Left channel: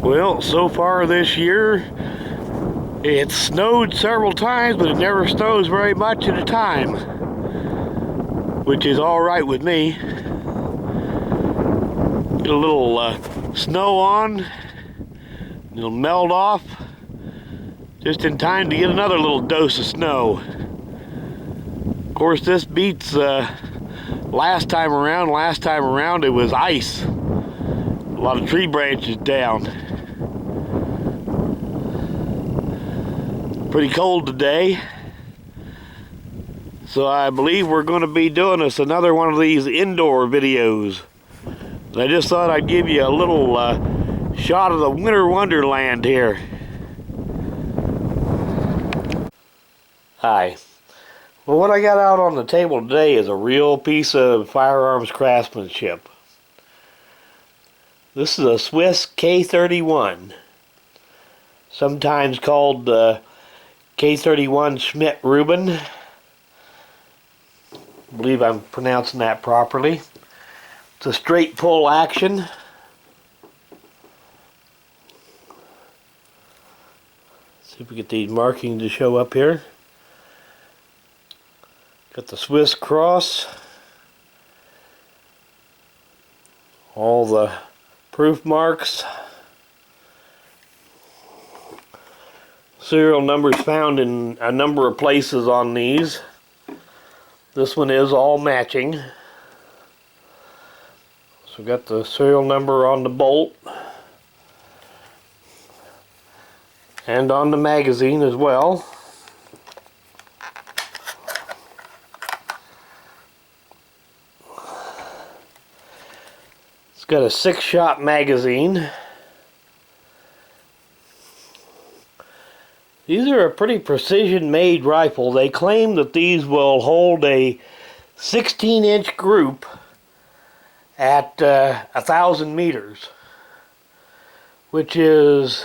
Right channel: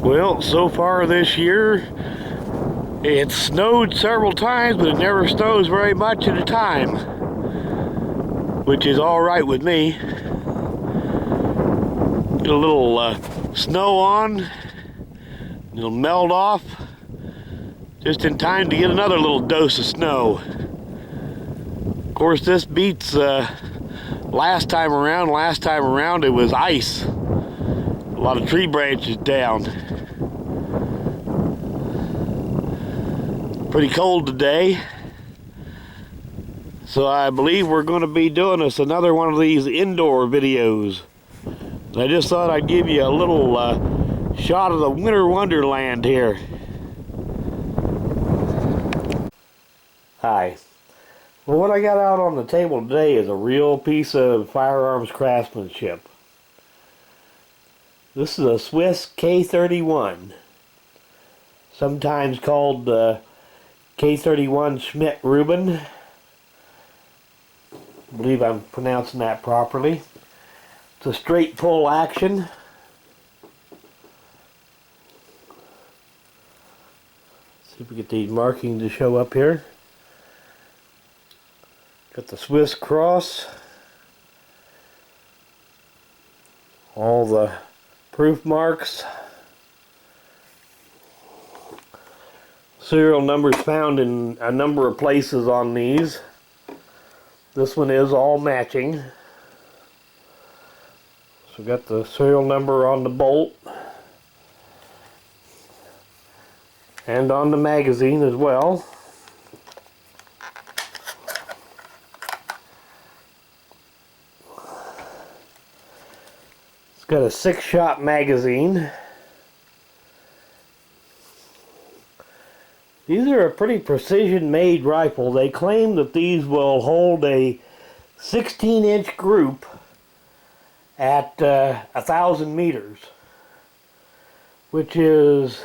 Well, so far this year, it snowed several times, but it never snows very much at a time, which is all right with me. Get a little snow on, it'll melt off just in time to get another little dose of snow. Of course, this beats last time around. Last time around it was ice. A lot of tree branches down. Pretty cold today. So I believe we're going to be doing us another one of these indoor videos. I just thought I'd give you a little shot of the winter wonderland here. Hi. Well, what I got out on the table today is a real piece of firearms craftsmanship. This is a Swiss K31, sometimes called K31 Schmidt-Reuben. I believe I'm pronouncing that properly. It's a straight pull action. See if we get these markings to show up here. Got the Swiss cross. All the proof marks. Serial numbers found in a number of places on these. This one is all matching. So got the serial number on the bolt and on the magazine as well. It's got a 6-shot magazine. These are a pretty precision-made rifle. They claim that these will hold a 16-inch group at 1,000 meters, which is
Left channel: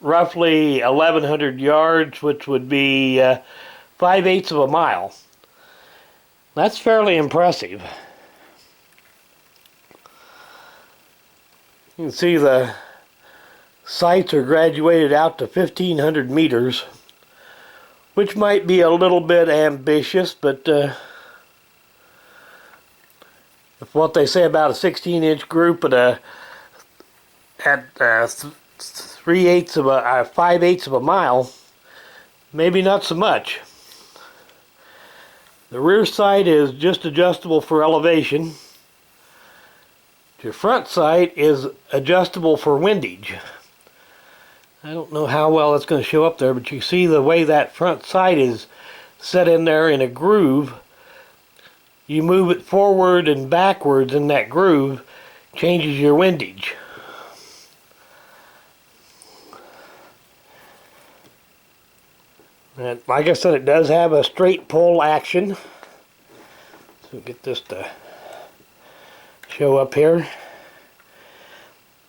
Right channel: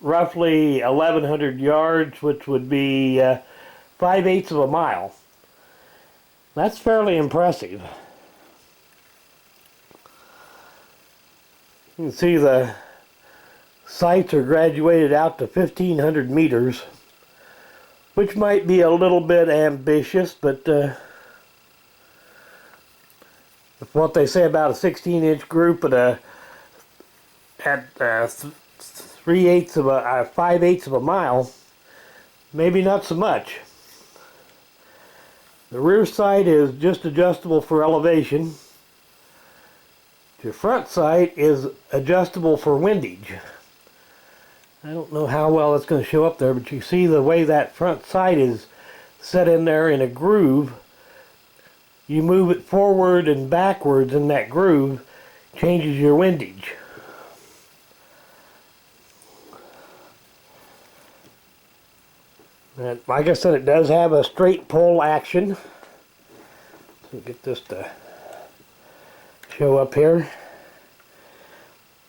roughly 1,100 yards, which would be 5/8 of a mile. That's fairly impressive. You can see the sights are graduated out to 1,500 meters, which might be a little bit ambitious, but what they say about a 16-inch group at 5/8 of a mile, maybe not so much. The rear sight is just adjustable for elevation. The front sight is adjustable for windage. I don't know how well it's going to show up there, but you see the way that front sight is set in there in a groove. You move it forward and backwards in that groove, changes your windage. And like I said, it does have a straight pull action. So get this to show up here.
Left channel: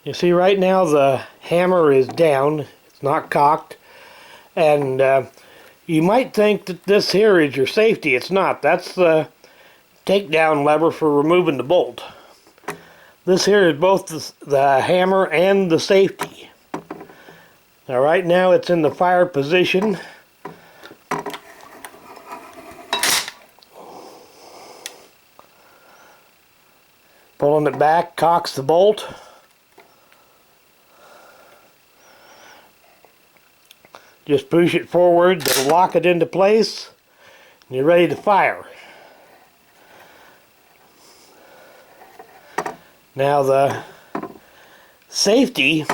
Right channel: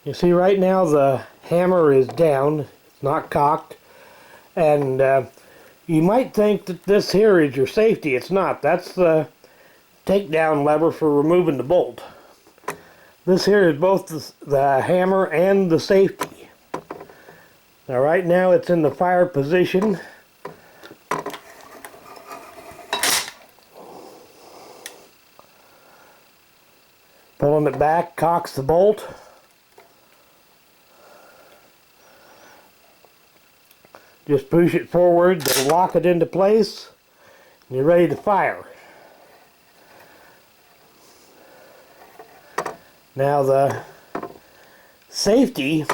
You see right now the hammer is down, it's not cocked, and you might think that this here is your safety. It's not. That's the takedown lever for removing the bolt. This here is both the hammer and the safety. Now right now it's in the fire position. Pulling it back cocks the bolt. Just push it forward to lock it into place, and you're ready to fire. Now the safety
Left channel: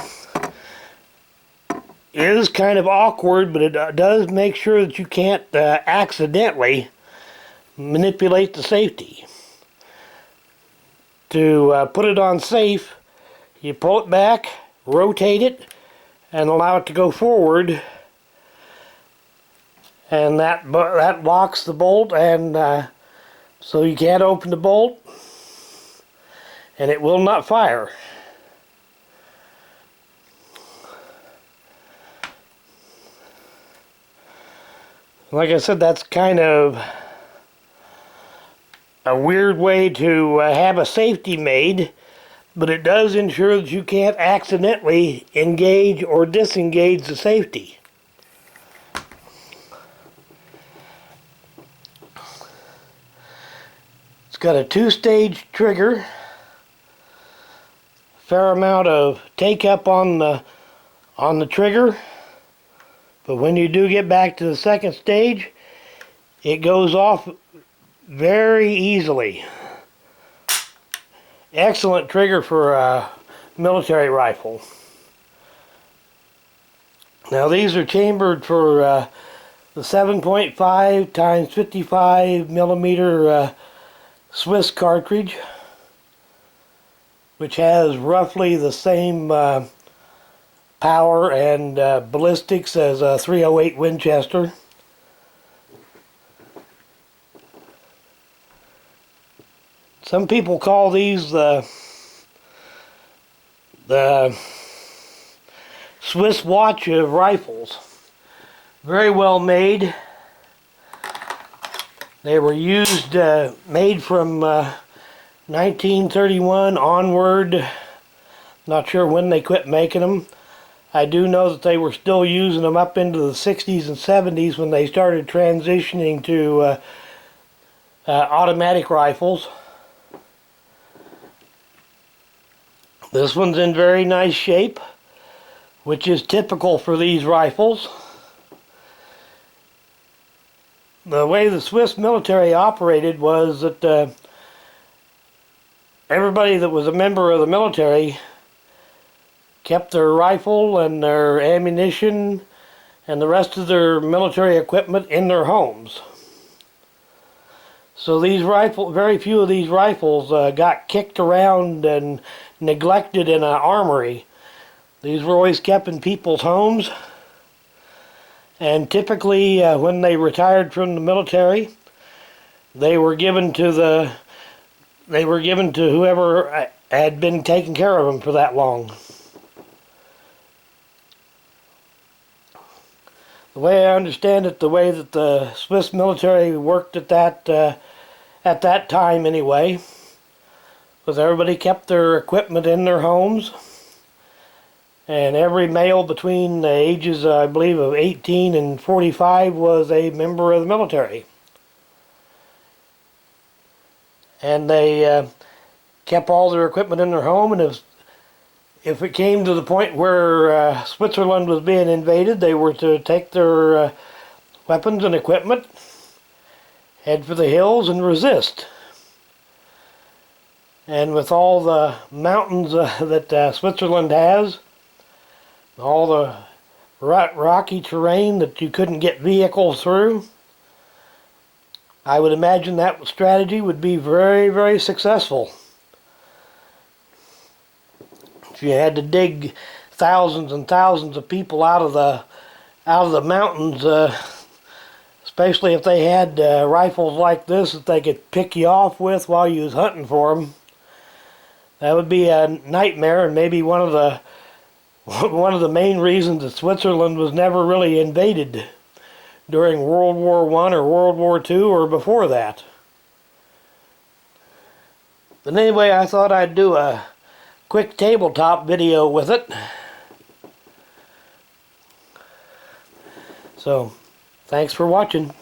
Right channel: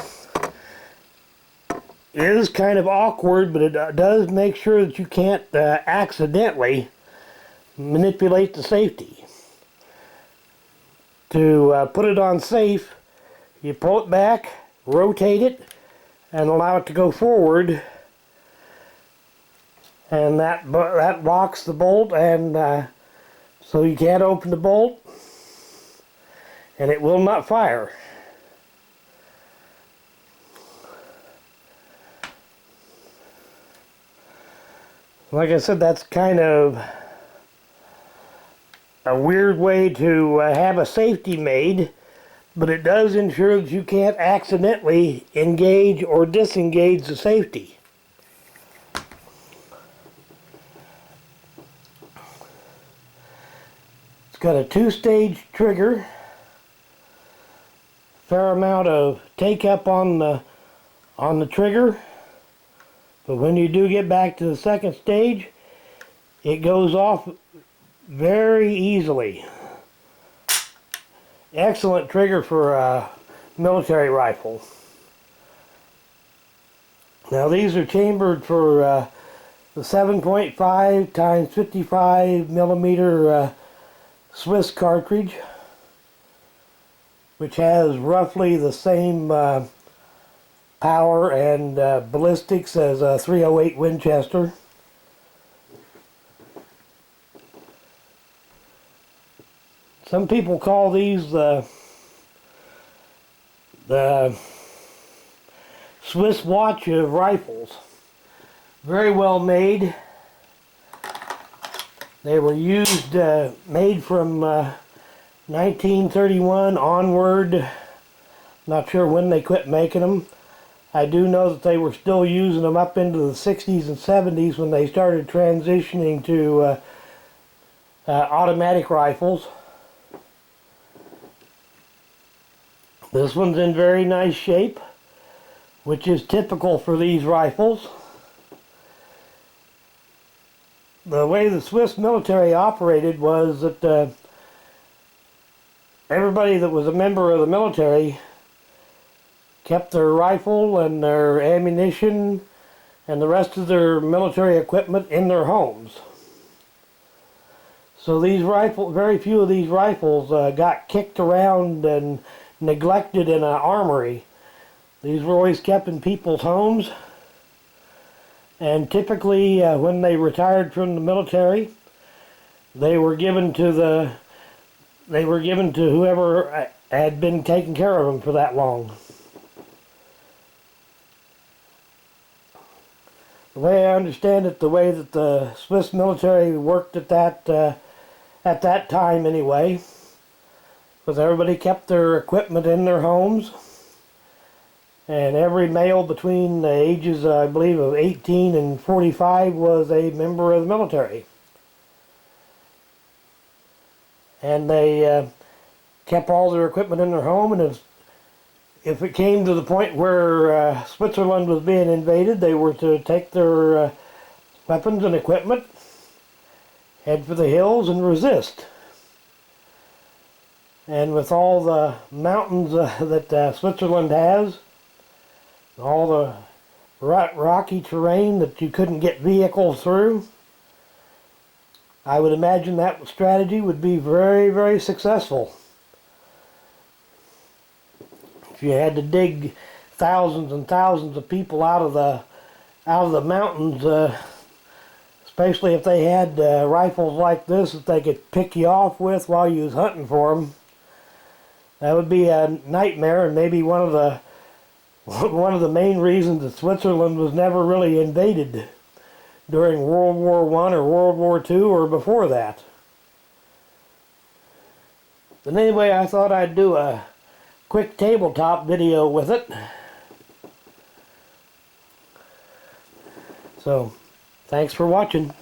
is kind of awkward, but it does make sure that you can't accidentally manipulate the safety. To put it on safe, you pull it back, rotate it, and allow it to go forward. And that locks the bolt, and so you can't open the bolt, and it will not fire. Like I said, that's kind of a weird way to have a safety made, but it does ensure that you can't accidentally engage or disengage the safety. It's got a 2-stage trigger, fair amount of take up on the trigger, but when you do get back to the second stage, it goes off very easily. Excellent trigger for a military rifle. Now these are chambered for the 7.5 times 55 millimeter Swiss cartridge, which has roughly the same power and ballistics as a .308 Winchester. Some people call these the Swiss watch of rifles. Very well made. They were used, made from 1931 onward. Not sure when they quit making them. I do know that they were still using them up into the 60s and 70s when they started transitioning to automatic rifles. This one's in very nice shape, which is typical for these rifles. The way the Swiss military operated was that everybody that was a member of the military kept their rifle and their ammunition and the rest of their military equipment in their homes. So these very few of these rifles got kicked around and neglected in an armory. These were always kept in people's homes, and typically when they retired from the military, they were given to whoever had been taking care of them for that long. The way I understand it, the way that the Swiss military worked at that time anyway, was everybody kept their equipment in their homes, and every male between the ages, I believe, of 18 and 45 was a member of the military. And they kept all their equipment in their home, and if it came to the point where Switzerland was being invaded, they were to take their weapons and equipment, head for the hills, and resist. And with all the mountains that Switzerland has, all the rocky terrain that you couldn't get vehicles through, I would imagine that strategy would be very, very successful. If you had to dig thousands and thousands of people out of the mountains, especially if they had rifles like this that they could pick you off with while you was hunting for them, that would be a nightmare, and maybe one of the main reasons that Switzerland was never really invaded during World War I or World War II or before that. But anyway, I thought I'd do a quick tabletop video with it. So, thanks for watching.